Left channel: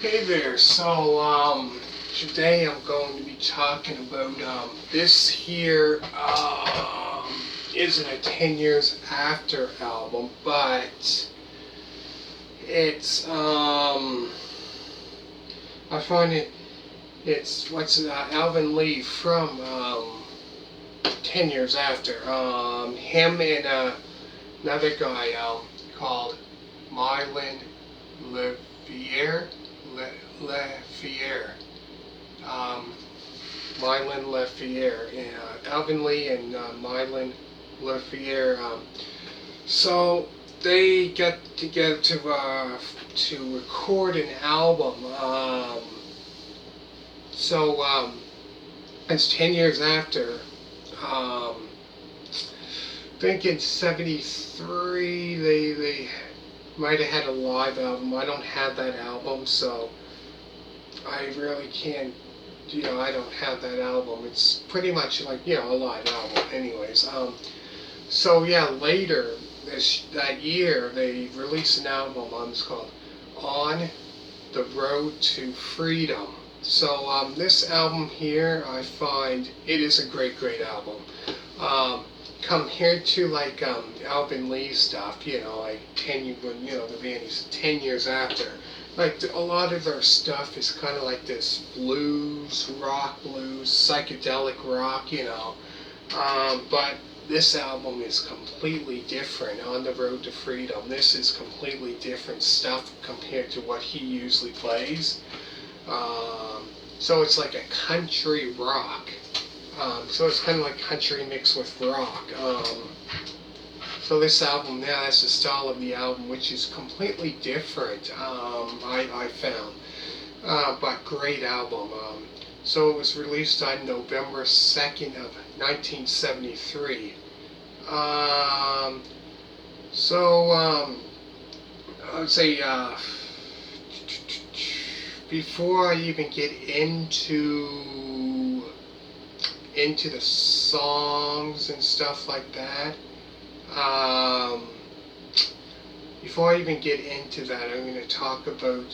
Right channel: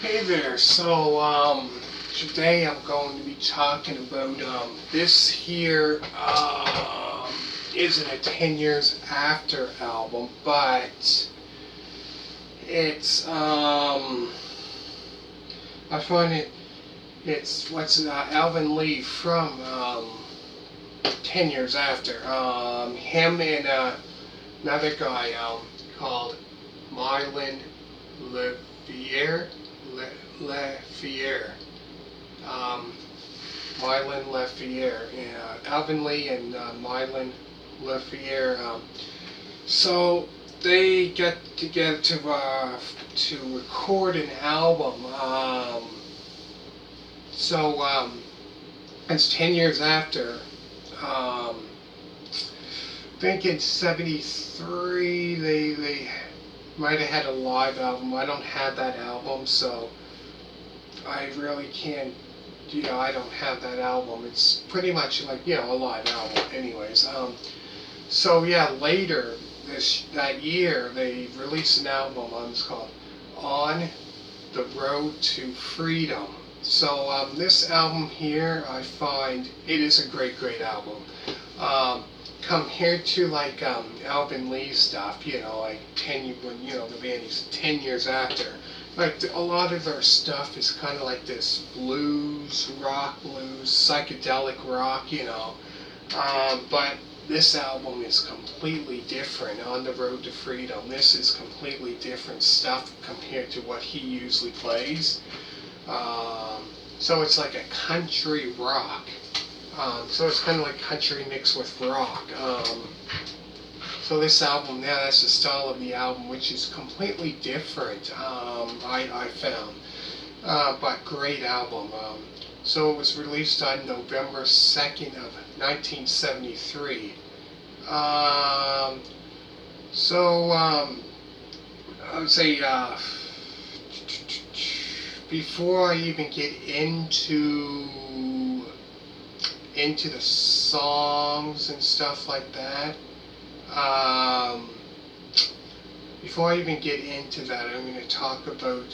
Hey there, today I'm going to be talking about, this here, isn't a 10 years after album, but it's, I find it's Alvin Lee from, 10 years after, him and, another guy, called Mylon LeFevre, LeFevre, um, Mylon LeFevre, Alvin Lee and Mylon LeFevre. So they got together to record an album. It's 10 years after. I think in '73 they might have had a live album. I don't have that album, so I really can't, I don't have that album. It's pretty much like, a live album anyways. So yeah, later that year, they released an album, it's called On the Road to Freedom. So this album here, I find it is a great album. Compared to like Alvin Lee stuff, like the band is 10 years after. Like a lot of their stuff is kind of like this blues, psychedelic rock. But this album is completely different. On the Road to Freedom, this is completely different stuff compared to what he usually plays. So it's like a country rock. So it's kind of like country mixed with rock. So this album, yeah, that's the style of the album, which is completely different, I found. But great album. So it was released on November 2nd of 1973. I would say, before I even get into the songs and stuff like that, before I even get into that, I'm going to talk about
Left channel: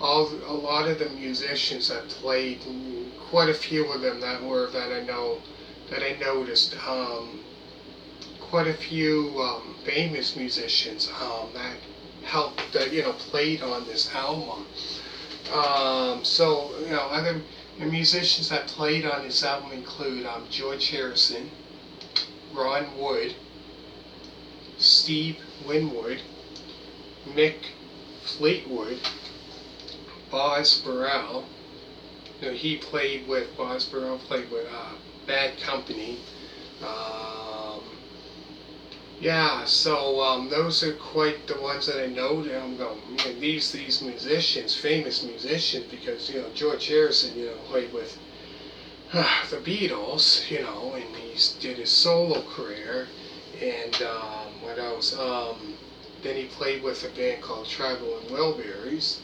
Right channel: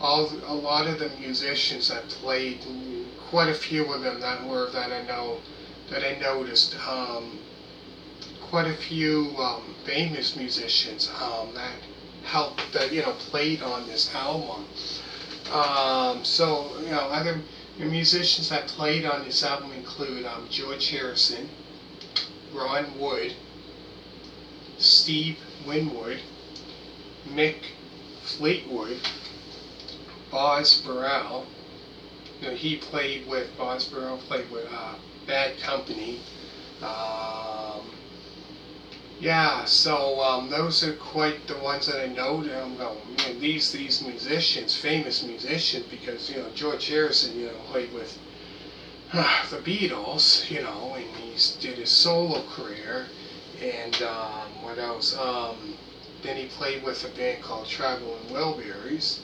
a lot of the musicians that played. Quite a few of them that I noticed. Quite a few famous musicians that played on this album. Other musicians that played on this album include George Harrison, Ron Wood, Steve Winwood, Mick Fleetwood, Boz Burrell. Boz Burrell played with Bad Company. Those are quite the ones that I know. I'm going, these musicians, famous musicians, because George Harrison, played with the Beatles, and he did his solo career, and what else? Then he played with a band called Traveling Wilburys,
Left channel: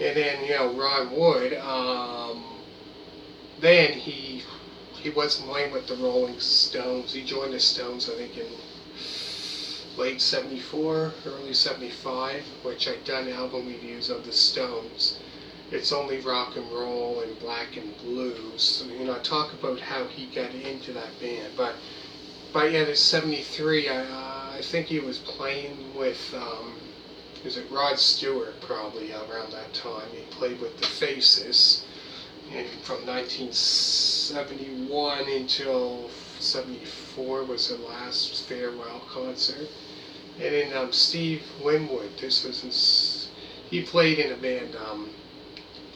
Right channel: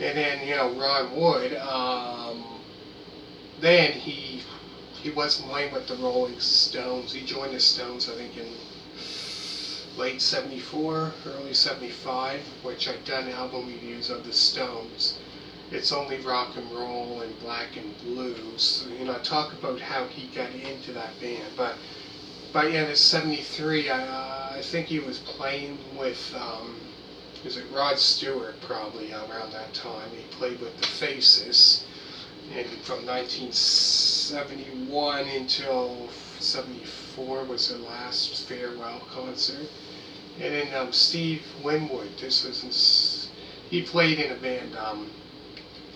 and then Ron Wood. Then he wasn't playing with the Rolling Stones. He joined the Stones, I think, in late '74, early '75, which I've done album reviews of the Stones. It's only rock and roll and black and blues. So, talk about how he got into that band. But yeah, in '73, I think he was playing with, is it Rod Stewart, probably around that time. He played with the Faces, and from 1971 until '74 was their last farewell concert. And then Steve Winwood, he played in a band.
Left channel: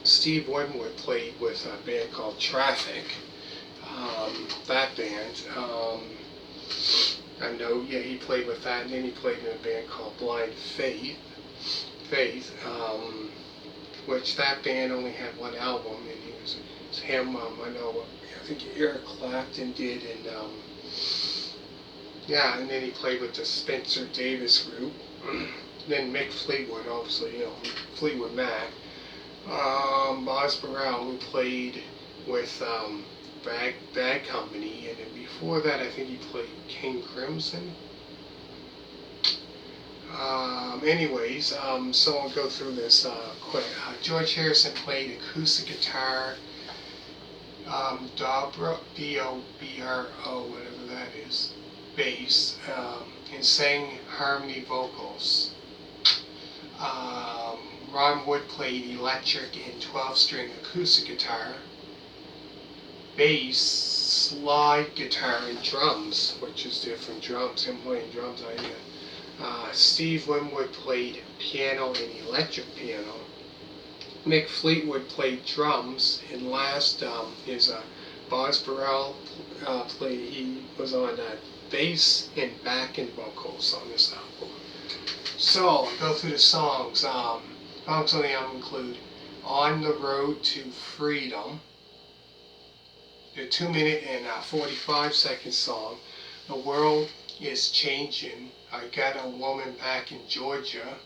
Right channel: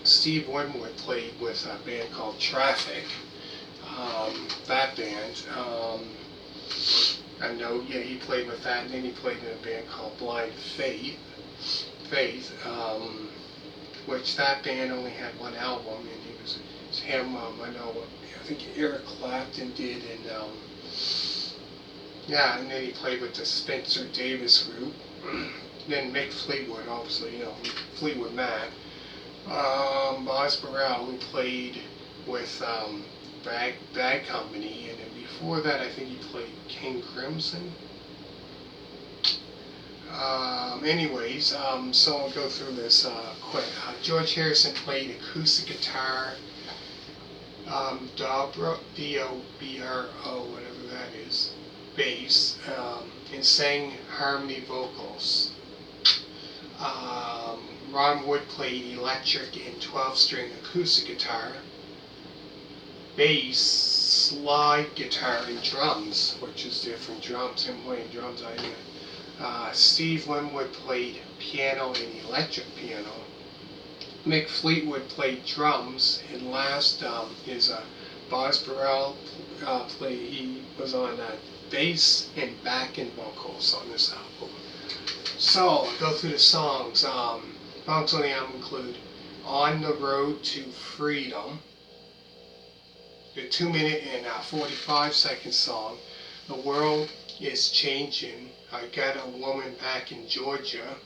Steve Winwood played with a band called Traffic. That band, he played with that, and then he played in a band called Blind Faith, which that band only had one album, and it was him. I think Eric Clapton did, and and then he played with the Spencer Davis group. Then Mick Fleetwood, obviously, Fleetwood Mac. Boz Burrell, who played with Bad Company, and then before that, I think he played King Crimson. So I'll go through this quick. George Harrison played acoustic guitar, dobro, D-O-B-R-O, whatever that is, bass, and sang harmony vocals. Ron Wood played electric and 12-string acoustic guitar, bass, slide guitar, and drums, which is different drums. Him playing drums, Steve Winwood played piano and electric piano. Mick Fleetwood played drums, and last is Boz Burrell he was on bass and backing vocals on this album. So I'll go through the songs. Songs on the album include "On the Road to Freedom," the 2-minute and 45-second song, "The World is Changing," "I Got a Woman Back in Georgia,"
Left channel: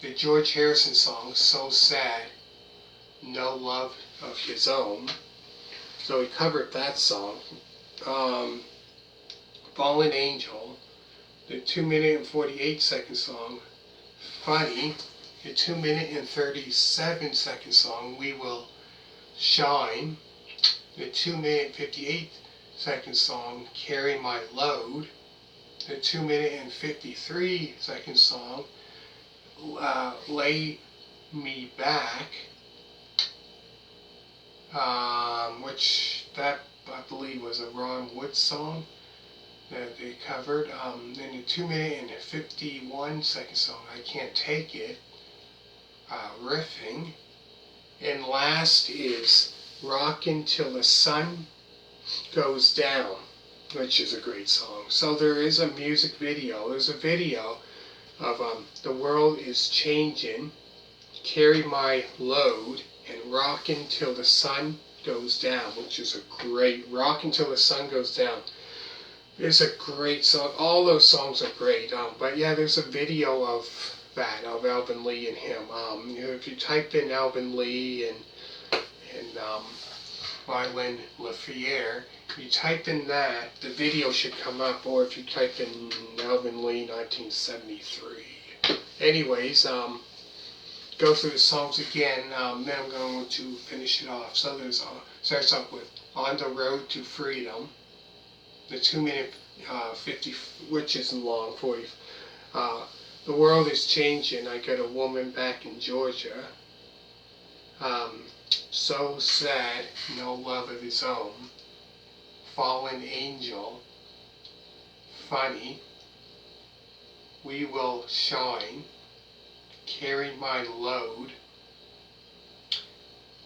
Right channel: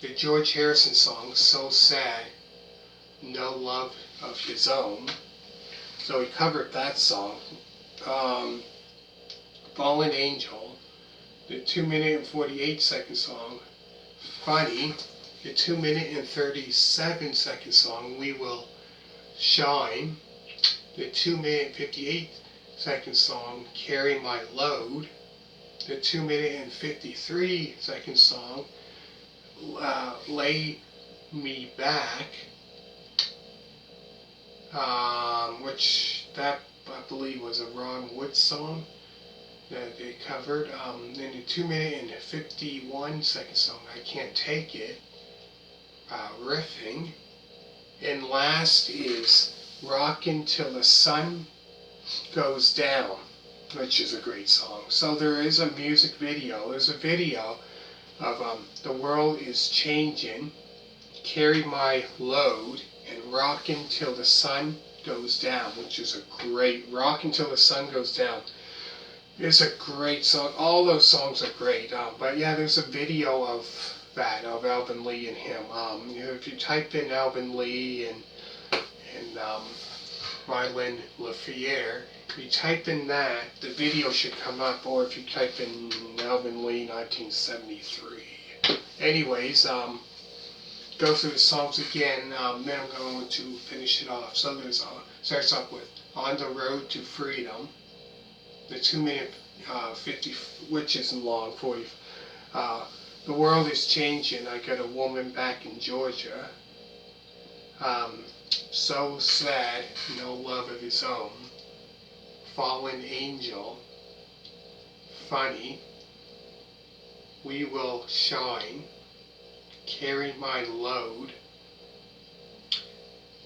the George Harrison song "So Sad, No Love of His Own." So he covered that song. "Fallen Angel," the 2-minute and 48-second song "Funny," the 2-minute and 37-second song "We Will Shine," the 2-minute and 58-second song "Carry My Load," the 2-minute and 53-second song "Lay Me Back," which that I believe was a Ron Wood song that they covered. Then the 2-minute and 51-second song "I Can't Take It," Riffin. And last is "Rockin' Till the Sun Goes Down," which is a great song. So there is a music video. There's a video of "The World is Changing," "Carry My Load," and "Rockin' Till the Sun Goes Down," which is a great, "Rockin' Till the Sun Goes Down" is a great song. All those songs are great. But yeah, there's a video of that, of Alvin Lee and him. If you type in Alvin Lee and Mylon, LeFevre, you type in that, the video should come up, or if you type in Alvin Lee 1973. Anyways, go through the songs again, then I'm going to finish it off. So there's starts off with "On the Road to Freedom," the 2-minute 50, which isn't long, 40. "The World is Changing," "I Got a Woman Back in Georgia," "So Sad, No Love of His Own," "Fallen Angel," "Funny," "We Will Shine," "Carry My Load,"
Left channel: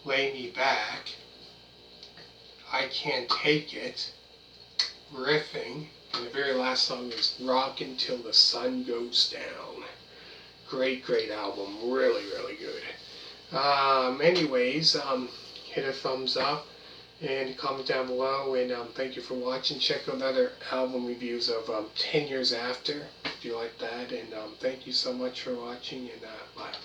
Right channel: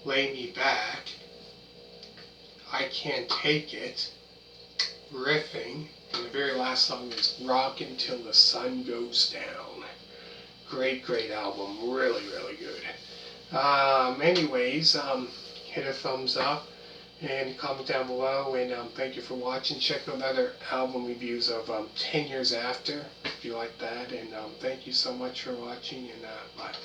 "Lay Me Back," "I Can't Take It," Riffing, and the very last song is "Rockin' Till the Sun Goes Down." Great, great album. Really, really good. Hit a thumbs up and comment down below, and thank you for watching. Check out other album reviews of 10 years after, if you like that, and thank you so much for watching, and bye.